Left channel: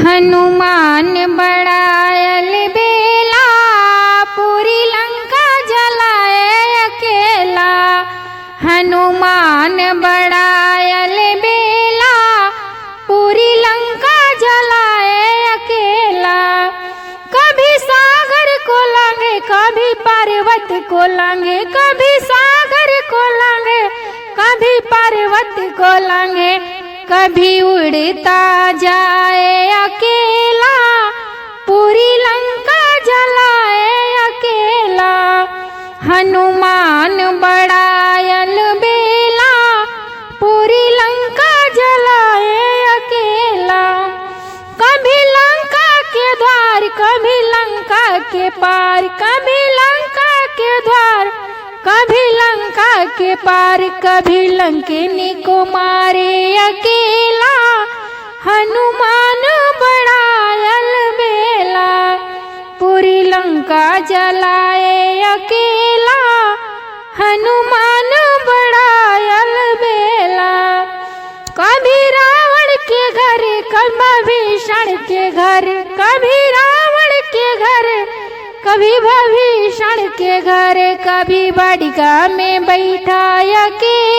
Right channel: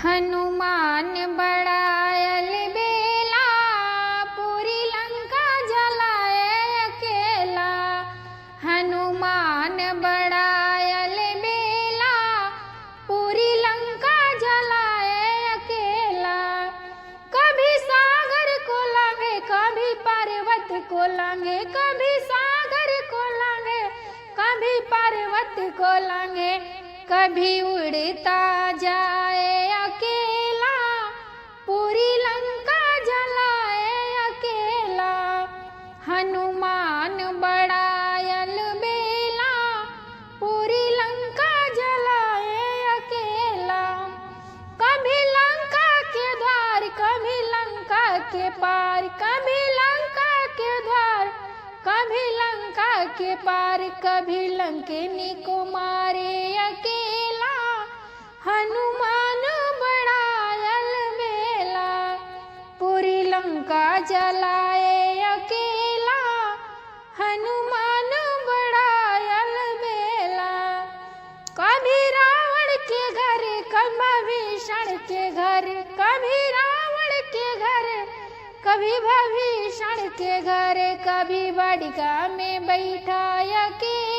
हनुमान बड़ायल बेला, पूरी लंका जलाए अकेला। हनुमान बड़ायल बेला, पूरी लंका जलाए अकेला। कभी सागर को लांगे, कभी पर्वत को लांगे, कभी सागर को लांगे, कभी पर्वत को लांगे। कभी उड़ता जाए अकेला, पूरी लंका जलाए अकेला। हनुमान बड़ायल बेला, पूरी लंका जलाए अकेला। कभी लंका के द्वार, कभी लंका के पार, कभी लंका के द्वार, कभी लंका के पार। कभी लंकिनी को मारे अकेला, हनुमान बड़ायल बेला, पूरी लंका जलाए अकेला। हनुमान बड़ायल बेला। कभी रावण के घर, कभी भीषण के घर, कभी रावण के घर, कभी भीषण के घर। कभी बाटिका में बैठा अकेला,